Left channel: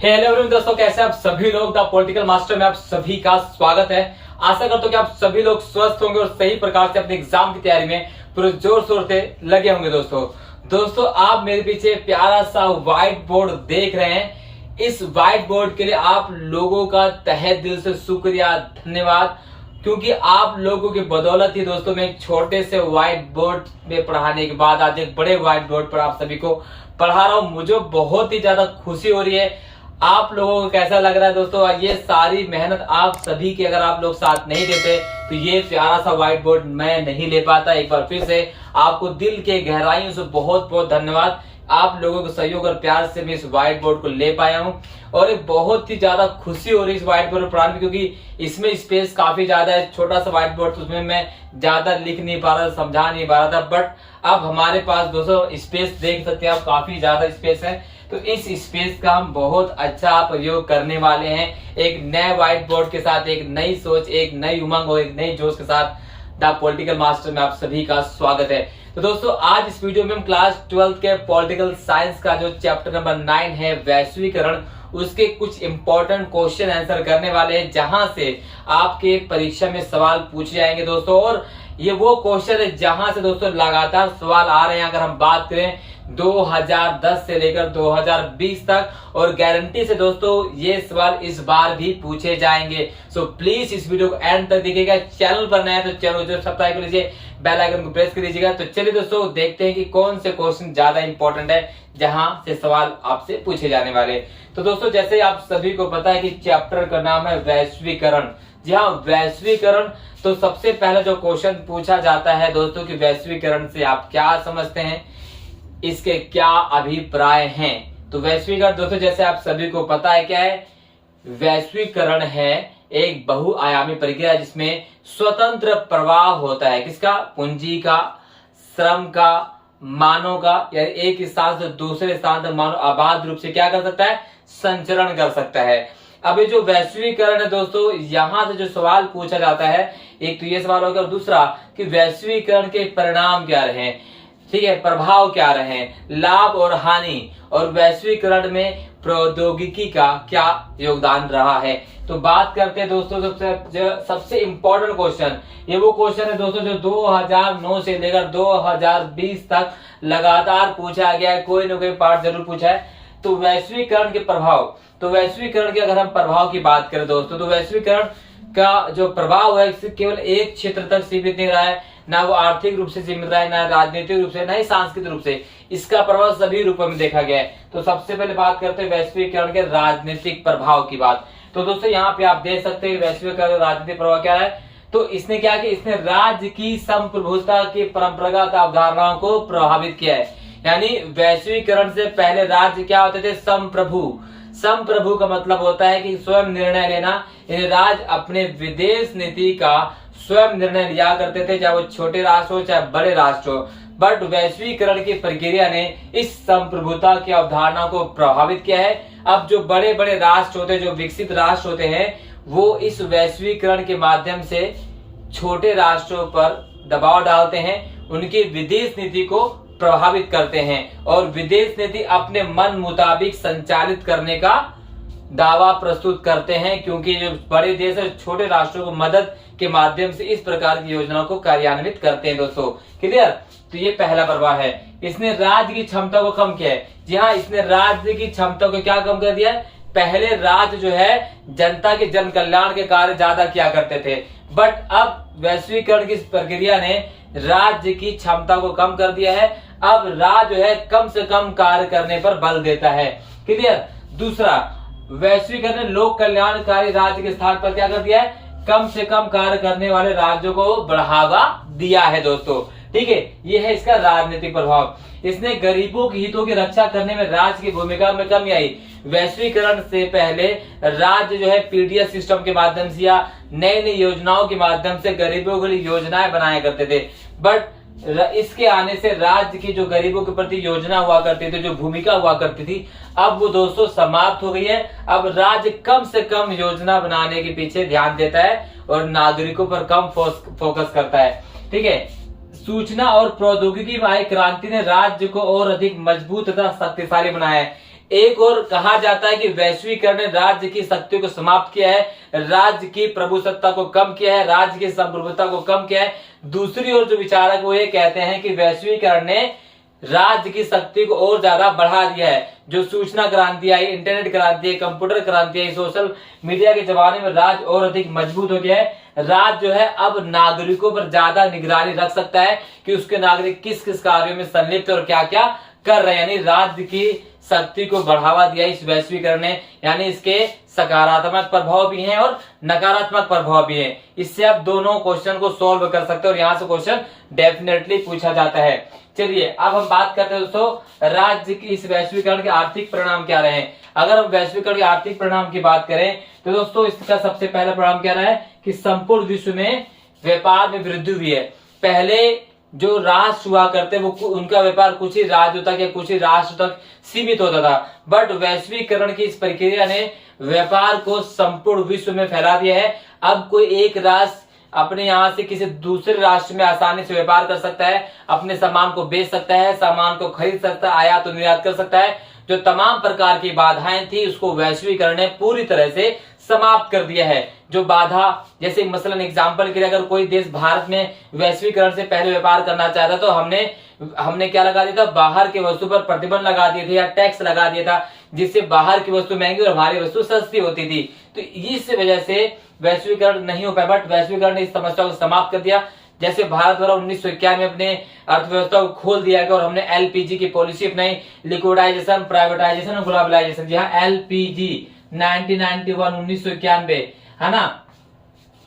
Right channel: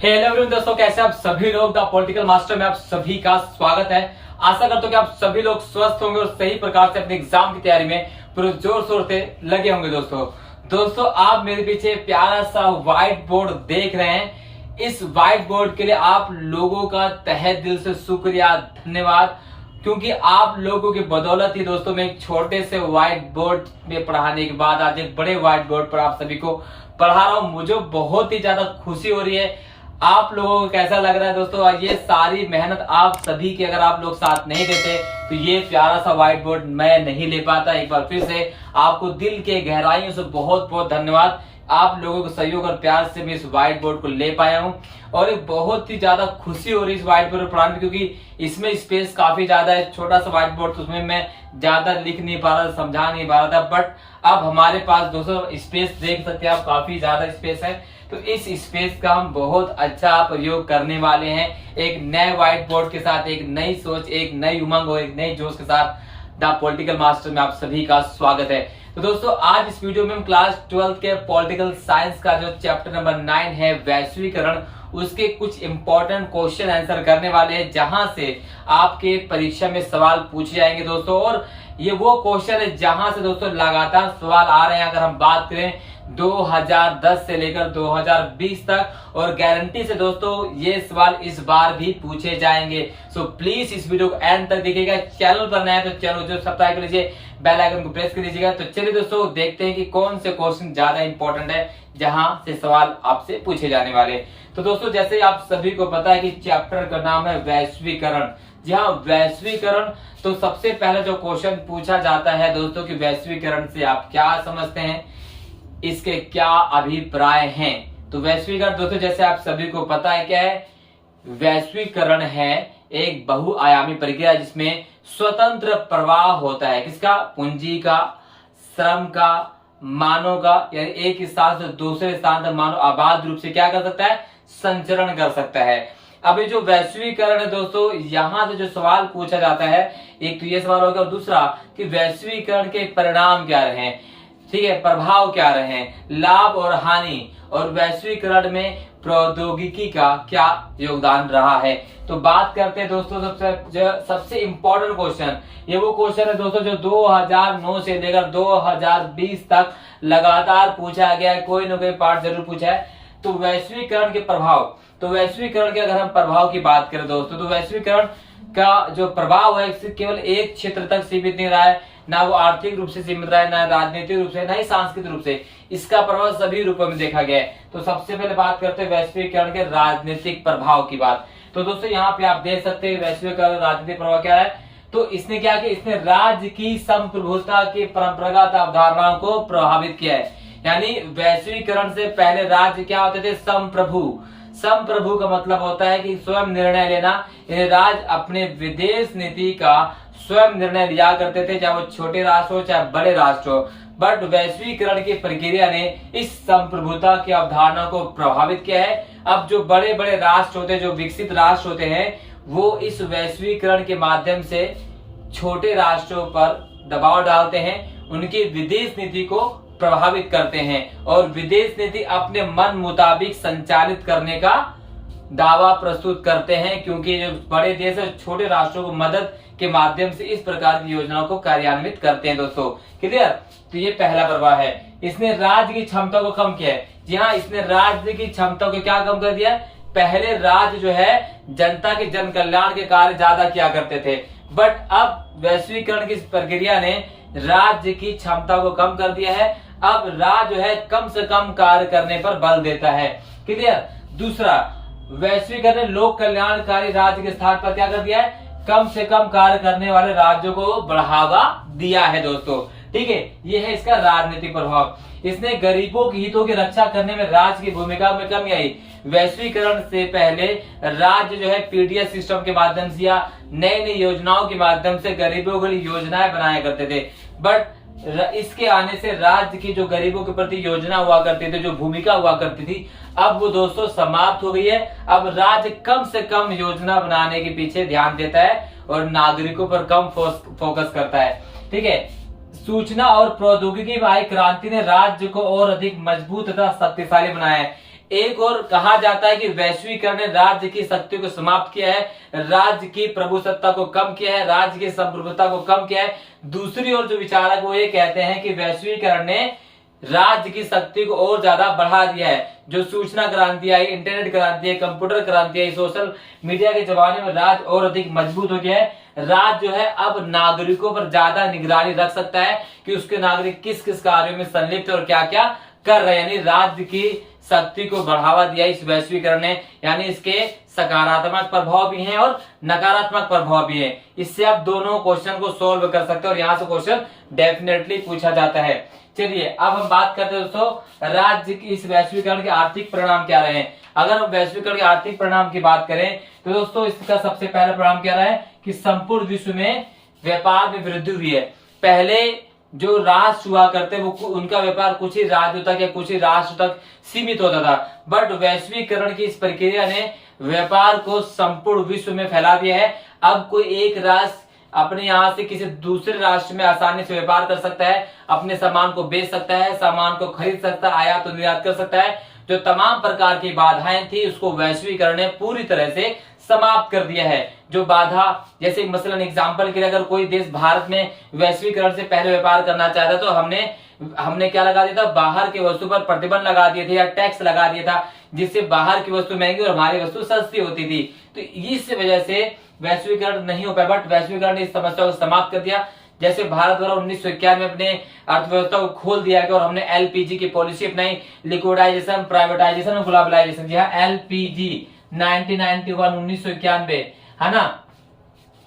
Hello everyone दोस्तों, कैसे आप सभी लोग। द पॉलिटिकल मास्टर में आप सभी का स्वागत है। आशा करता हूं कि आप सभी लोग स्वस्थ होंगे और सही प्रकार से अपने एग्जाम की तैयारी में पूरे जोर शोर से लगे होंगे। दोस्तों आप मेरे पीछे प्यारा सा व्हाइट बोर्ड देख रहे हैं। इस व्हाइट बोर्ड के लिए आप लोगों का तहे दिल से शुक्रिया, धन्यवाद, क्योंकि आप लोगों की बदौलत ही दोस्तों मैं एक छोटे से व्हाइट बोर्ड में पढ़ाने के बाद आज एक बड़े व्हाइट बोर्ड पर आप सभी को पढ़ा रहा हूं। मुझे बहुत ही ज्यादा खुशी हो रही है। आप लोगों को कैसा लग रहा है दोस्तों? ये सारी मेहनत आप सभी की अगर आप लोग साथ नहीं देते तो ये प्यारा सा व्हाइट बोर्ड मैं नहीं ले पाता। एक बार फिर से आपको दिल के गहराइयों से बहुत बहुत धन्यवाद। आप लोगों के सहयोग और प्यार से मैं इस व्हाइट बोर्ड को ले पाया हूं और एक बहुत ही ज्यादा खुशी हो रही है इस व्हाइट बोर्ड पर पढ़ाने में, क्योंकि इसमें स्पेस काफी ज्यादा है। छोटा सा व्हाइट बोर्ड तो उसमें मैं ज्यादा लिख नहीं पा रहा था, समझा नहीं पा रहा था, बट अब हमारे पास दोस्तों स्पेस देख सकते हैं आप, काफी ज्यादा स्पेस है। तो इस स्पेस का हम बहुत अच्छा प्रयोग करने वाले हैं। एक नए व्हाइट बोर्ड के साथ, एक नई सोच, एक नई उमंग और एक नई जोश के साथ द पॉलिटिकल मास्टर में आप सभी का स्वागत है। तो दोस्तों आज इस वीडियो में हम क्लास 12 के पॉलिटिकल साइंस का जो चैप्टर नंबर 9 है वैश्वीकरण, उसके कुछ इंपॉर्टेंट क्वेश्चन आंसर करने वाले हैं, जहां से आपके परीक्षा में सवाल पूछे जाएंगे दोस्तों। और ये वो क्वेश्चन है जहां से दोस्तों लगातार सवाल आ रहे हैं। अगर हम बात करें 2010 से लेकर 2020 तक, और गारंटी से दोस्तों ये सवाल इस बार भी पूछे जाएंगे। सो प्लीज इस वीडियो को एंड तक देखिएगा। चैनल पर नए हैं तो चैनल को सब्सक्राइब कर लीजिए, बेल आइकन को प्रेस कर दीजिएगा। तो चलिए दोस्तों देखते हैं कि कौन से क्वेश्चन ज्यादा इंपॉर्टेंट है जहां से सवाल आपसे पूछे जाने वाले। तो दोस्तों जैसे आप सभी को पता है कि चैप्टर का नाम है वैश्वीकरण। जी हाँ, वैश्वीकरण। तो सबसे पहला जो क्वेश्चन पूछा जाता है दोस्तों कि वैश्वीकरण से आप क्या समझते हैं, इसके क्या अभिप्राय हैं। तो वैश्वीकरण दोस्तों जैसे आप सभी को पता है क्या है, वैश्वीकरण है एक बहुआयामी प्रक्रिया जिसमें स्वतंत्र प्रवाह होता है। किसका? पूंजी का, श्रम का, मानव का, यानी एक स्थान से दूसरे स्थान तक मानव अबाध रूप से क्या कर सकता है? संचरण कर सकता है। अब ये जो वैश्वीकरण है दोस्तों, यहां से जो सवाल पूछा जाता है, एक तो ये सवाल होगा और दूसरा कि वैश्वीकरण के परिणाम क्या रहे, ठीक है, प्रभाव क्या रहे, लाभ और हानि, और वैश्वीकरण में प्रौद्योगिकी का क्या योगदान रहा है। तो बात करते हैं दोस्तों सबसे इंपॉर्टेंट क्वेश्चन। ये वो क्वेश्चन है दोस्तों जो 2009 से लेकर 2020 तक लगातार पूछा गया है, कोई ना कोई पार्ट जरूर पूछा है। तो वैश्वीकरण के प्रभाव, तो वैश्वीकरण के अगर हम प्रभाव की बात करें दोस्तों, तो वैश्वीकरण का जो प्रभाव है केवल एक क्षेत्र तक सीमित नहीं रहा है, ना वो आर्थिक रूप से सीमित रहा है, ना राजनीतिक रूप से, ना ही सांस्कृतिक रूप से। इसका प्रभाव सभी रूपों में देखा गया है। तो सबसे पहले बात करते हैं वैश्वीकरण के राजनीतिक प्रभाव की बात। तो दोस्तों यहाँ पे आप देख सकते हैं वैश्वीकरण राजनीतिक प्रभाव क्या है। तो इसने क्या किया, इसने राज्य की संप्रभुता की परंपरागत अवधारणाओं को प्रभावित किया है। यानी वैश्वीकरण से पहले राज्य क्या होते थे? संप्रभु। संप्रभु का मतलब होता है कि स्वयं निर्णय लेना। राज्य अपने विदेश नीति का स्वयं निर्णय लिया करते थे, चाहे वो छोटे राष्ट्र हो चाहे बड़े राष्ट्र हो। बट वैश्वीकरण की प्रक्रिया ने इस संप्रभुता की अवधारणा को प्रभावित किया है। अब जो बड़े बड़े राष्ट्र होते हैं, जो विकसित राष्ट्र होते हैं, वो इस वैश्वीकरण के माध्यम से छोटे राष्ट्रों पर दबाव डालते हैं, उनकी विदेश नीति को प्रभावित करते हैं और विदेश नीति अपने मन मुताबिक संचालित करने का दावा प्रस्तुत करते हैं, क्योंकि जो बड़े देश है छोटे राष्ट्रों को मदद के माध्यम से इस प्रकार की योजनाओं को कार्यान्वित करते हैं दोस्तों। क्लियर? तो ये पहला प्रभाव है। इसने राज्य की क्षमता को कम किया है। जी हाँ, इसने राज्य की क्षमता को क्या कम कर दिया है? पहले राज्य जो है जनता के जन कल्याण के कार्य ज्यादा किया करते थे, बट अब वैश्वीकरण की प्रक्रिया ने राज्य की क्षमता को कम कर दिया है। अब राज्य जो है कम से कम कार्य करने पर बल देता है। क्लियर? दूसरा, वैश्वीकरण ने लोक कल्याणकारी राज्य के स्थान पर क्या कर दिया है? कम से कम कार्य करने वाले राज्यों को बढ़ावा दिया है दोस्तों। ठीक है, ये है इसका राजनीतिक प्रभाव। इसने गरीबों के हितों की रक्षा करने में राज्य की भूमिका में कमी आई। वैश्वीकरण से पहले राज्य जो है पीडीएस सिस्टम के माध्यम से या नई नई योजनाओं के माध्यम से गरीबों के लिए योजनाएं बनाया करते थे, बट इसके आने से राज्य की जो गरीबों के प्रति योजना हुआ करती थी, जो भूमिका हुआ करती थी, अब वो दोस्तों समाप्त हो गई है। अब राज्य कम से कम योजना बनाने के पीछे ध्यान देता है और नागरिकों पर कम फोकस करता है। ठीक है, सूचना और प्रौद्योगिकी में आई क्रांति ने राज्य को और अधिक मजबूत तथा शक्तिशाली बनाया है। एक और कहा जाता है कि वैश्वीकरण ने राज्य की शक्तियों को समाप्त किया है, राज्य की प्रभुसत्ता को कम किया है, राज्य की संप्रभुता को कम किया है। दूसरी ओर जो विचारक वो ये कहते हैं कि वैश्वीकरण ने राज्य की शक्ति को और ज्यादा बढ़ा दिया है। जो सूचना क्रांति आई, इंटरनेट क्रांति आई, कंप्यूटर क्रांति आई, सोशल मीडिया के जमाने में राज्य और अधिक मजबूत हो गया है। राज्य जो है अब नागरिकों पर ज्यादा निगरानी रख सकता है कि उसके नागरिक किस किस कार्यों में संलिप्त है और क्या क्या कर रहे हैं। यानी राज्य की शक्ति को बढ़ावा दिया इस वैश्वीकरण ने। यानी इसके सकारात्मक प्रभाव भी हैं और नकारात्मक प्रभाव भी है। इससे आप दोनों क्वेश्चन को सॉल्व कर सकते हैं और यहाँ से क्वेश्चन डेफिनेटली पूछा जाता है। चलिए अब हम बात करते हैं दोस्तों राज्य की इस वैश्वीकरण के आर्थिक परिणाम क्या रहे हैं। अगर हम वैश्वीकरण के आर्थिक परिणाम की बात करें तो दोस्तों इसका सबसे पहला परिणाम क्या रहा है कि संपूर्ण विश्व में व्यापार में वृद्धि हुई है। पहले जो राष्ट्र हुआ करते वो उनका व्यापार कुछ ही राज्यों तक या कुछ ही राष्ट्र तक सीमित होता था, बट वैश्वीकरण की इस प्रक्रिया ने व्यापार को संपूर्ण विश्व में फैला दिया है। अब कोई एक राष्ट्र अपने यहाँ से किसी दूसरे राष्ट्र में आसानी से व्यापार कर सकता है, अपने सामान को बेच सकता है, सामान को खरीद सकता है, आयात और निर्यात कर सकता है। जो तमाम प्रकार की बाधाएं थी उसको वैश्वीकरण ने पूरी तरह से समाप्त कर दिया है। जो बाधा, जैसे मसलन एग्जांपल के लिए अगर कोई देश भारत में वैश्वीकरण से पहले व्यापार करना चाहता तो हमने क्या लगा दिया था, बाहर के वस्तु पर प्रतिबंध लगा दिए थे या टैक्स लगा दिया था, जिससे बाहर की वस्तु महंगी और हमारी वस्तु सस्ती होती थी। तो इस वजह से वैश्वीकरण नहीं हो पाया, बट वैश्वीकरण ने इस समस्या को समाप्त कर दिया। जैसे भारत द्वारा 1991 में अपने अर्थव्यवस्था को खोल दिया गया और हमने एलपीजी की पॉलिसी अपनाई, लिक्विडाइजेशन, प्राइवेटाइजेशन और ग्लोबलाइजेशन। जी हाँ, एलपीजी 1991 है ना,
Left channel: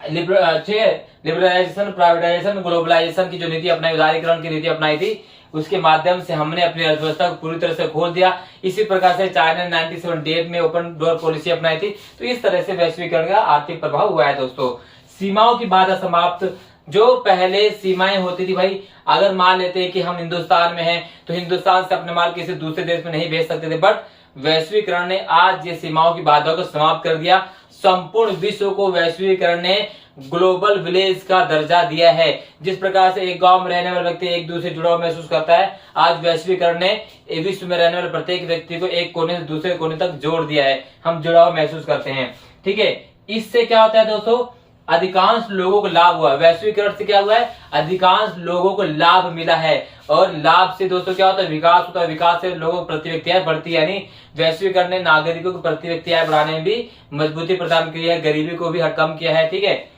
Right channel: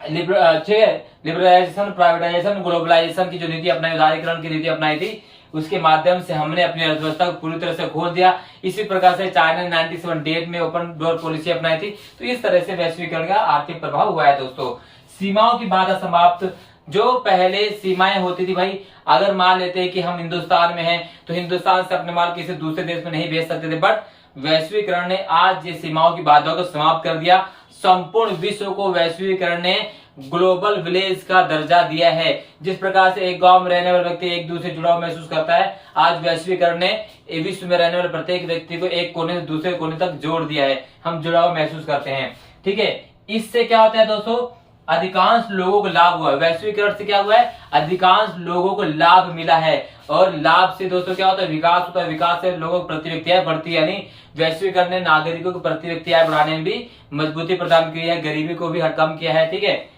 लिबरलाइजेशन, प्राइवेटाइजेशन, ग्लोबलाइजेशन की जो नीति अपनाई, उदारीकरण की नीति अपनाई थी, उसके माध्यम से हमने अपनी अर्थव्यवस्था को पूरी तरह से खोल दिया। इसी प्रकार से चाइना ने 1978 में ओपन डोर पॉलिसी अपनाई थी। तो इस तरह से वैश्वीकरण का आर्थिक प्रभाव हुआ है दोस्तों। सीमाओं की बाधा समाप्त। जो पहले सीमाएं होती थी भाई, अगर मान लेते हैं कि हम हिंदुस्तान में हैं तो हिंदुस्तान से अपने माल किसी दूसरे देश में नहीं भेज सकते थे, बट वैश्वीकरण ने आज ये सीमाओं की बाधा को समाप्त कर दिया। संपूर्ण विश्व को वैश्वीकरण ने ग्लोबल विलेज का दर्जा दिया है। जिस प्रकार से एक गांव में रहने वाला व्यक्ति एक दूसरे जुड़ाव महसूस करता है, आज वैश्वीकरण ने विश्व में रहने वाले प्रत्येक व्यक्ति को एक कोने से दूसरे कोने तक जोड़ दिया है। हम जुड़ाव महसूस करते हैं, ठीक है। इससे क्या होता है दोस्तों, अधिकांश लोगों को लाभ हुआ। वैश्वीकरण से क्या हुआ है, अधिकांश लोगों को लाभ मिला है। और लाभ से दोस्तों क्या होता है, विकास होता है। विकास से लोगों की प्रति व्यक्ति आय बढ़ती है। यानी वैश्वीकरण ने नागरिकों की प्रति व्यक्ति आय बढ़ाने में भी मजबूती प्रदान की है, गरीबी को भी कम किया है, ठीक है।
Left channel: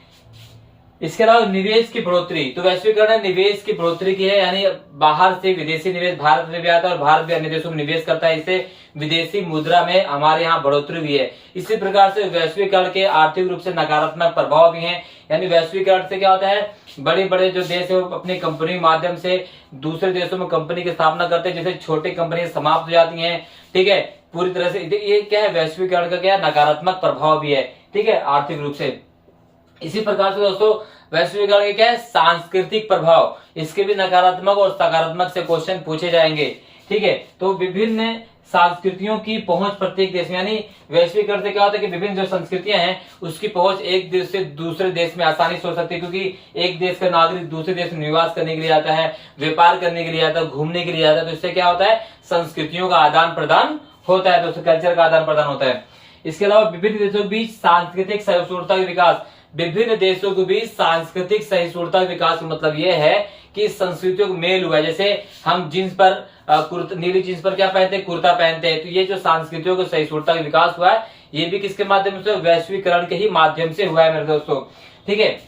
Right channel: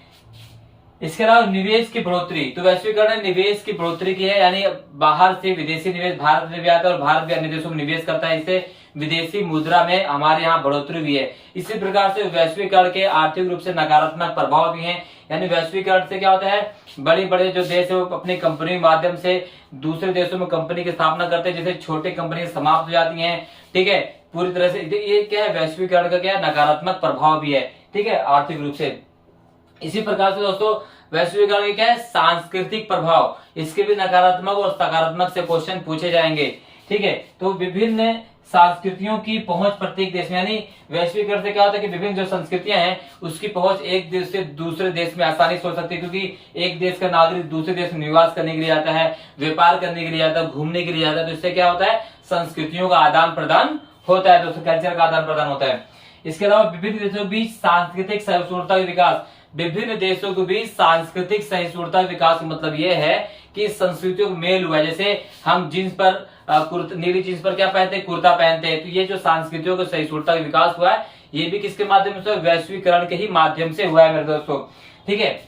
इसके अलावा निवेश की बढ़ोतरी। तो वैश्वीकरण ने निवेश की बढ़ोतरी की है, यानी बाहर से विदेशी निवेश भारत में भी आता है और भारत भी अन्य देशों में निवेश करता है। इससे विदेशी मुद्रा में हमारे यहाँ बढ़ोतरी भी है। इसी प्रकार से वैश्वीकरण के आर्थिक रूप से नकारात्मक प्रभाव भी हैं। यानी वैश्वीकरण से क्या होता है, बड़े बड़े जो देश है वो अपनी कंपनी के माध्यम से दूसरे देशों में कंपनी की स्थापना करते हैं, जैसे छोटी कंपनियां समाप्त हो जाती हैं, ठीक है। पूरी तरह से ये क्या है, वैश्वीकरण का क्या नकारात्मक प्रभाव भी है, ठीक है, आर्थिक रूप से। इसी प्रकार से दोस्तों वैश्वीकरण के क्या है, सांस्कृतिक प्रभाव। इसके भी नकारात्मक और सकारात्मक से क्वेश्चन पूछे जाएंगे, ठीक है। तो विभिन्न संस्कृतियों की पहुंच प्रत्येक देश में, यानी वैश्वीकरण से क्या होता है कि विभिन्न जो संस्कृतियां हैं उसकी पहुंच एक देश से दूसरे देश में आसानी से हो सकती है, क्योंकि एक देश का नागरिक दूसरे देश में निवास करने के लिए आता है, व्यापार करने के लिए आता है, घूमने के लिए आता है। तो इससे क्या होता है, संस्कृतियों का आदान प्रदान होता है, दोस्तों कल्चर का आदान प्रदान होता है। इसके अलावा विभिन्न देशों के बीच सांस्कृतिक सहिष्णुता का विकास। विभिन्न देशों के बीच सांस्कृतिक सहिष्णुता का विकास का मतलब यह है कि संस्कृतियों का मेल हुआ है। जैसे हम जींस पर नीली जींस पर क्या पहनते हैं, कुर्ता पहनते हैं। तो ये जो संस्कृतियों को सहिष्णुता का विकास हुआ है, ये भी किसके माध्यम से, वैश्वीकरण के ही माध्यम से हुआ है मेरे दोस्तों, ठीक है।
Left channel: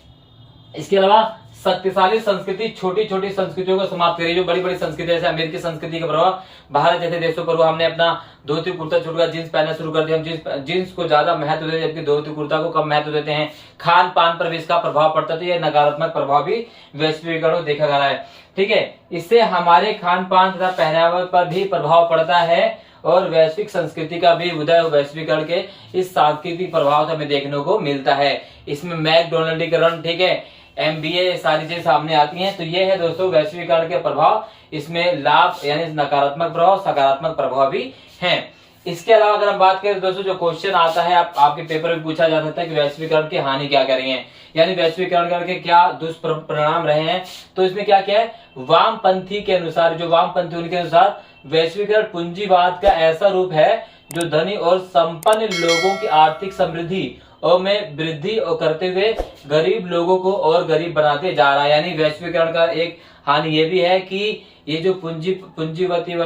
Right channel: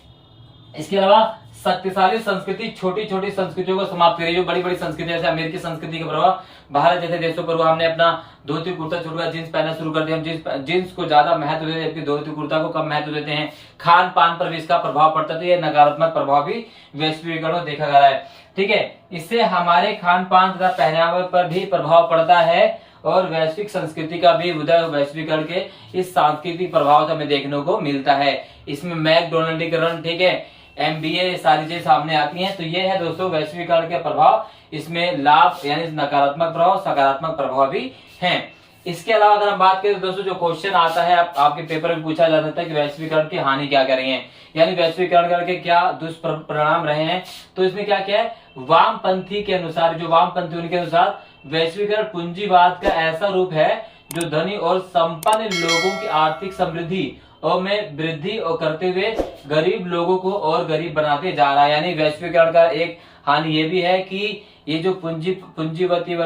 इसके अलावा शक्तिशाली संस्कृति छोटी छोटी संस्कृतियों को समाप्त करी। जो बड़ी बड़ी संस्कृति जैसे अमेरिकी संस्कृति का प्रभाव भारत जैसे देशों पर हुआ, हमने अपना धोती कुर्ता छोड़कर जींस पहनना शुरू कर दिया। हम जींस को ज्यादा महत्व देते हैं, जबकि धोती कुर्ता को कम महत्व देते हैं। खान पान पर भी इसका प्रभाव पड़ता है। तो यह नकारात्मक प्रभाव भी वैश्वीकरण देखा गया है, ठीक है। इससे हमारे खान पान तथा पहनावे पर भी प्रभाव पड़ता है और वैश्विक संस्कृति का भी उदय वैश्वीकरण के इस सांस्कृतिक प्रभाव से हमें देखने को मिलता है। इसमें मैकडोनल्डीकरण, ठीक है, MBA सारी चीजें सामने आती हैं। तो ये है दोस्तों वैश्वीकरण के प्रभाव। इसमें लाभ यानी नकारात्मक प्रभाव, सकारात्मक प्रभाव भी हैं। इसके अलावा अगर हम बात करें दोस्तों, जो क्वेश्चन आता है आपके पेपर में पूछा जा सकता है कि वैश्वीकरण की हानि क्या कर रही है, यानी वैश्वीकरण करके क्या दुष्परिणाम रहे हैं। तो इसमें क्या क्या है, वामपंथी के अनुसार, जो वामपंथी उनके अनुसार वैश्वीकरण पूंजीवाद का ऐसा रूप है जो धनी और संपन्न लोगों की आर्थिक समृद्धि और में वृद्धि करते हुए गरीब लोगों को और गरीब बनाते जा रहा है। यानी वैश्वीकरण का एक हानि ये भी है कि ये जो पूंजीपति वर्ग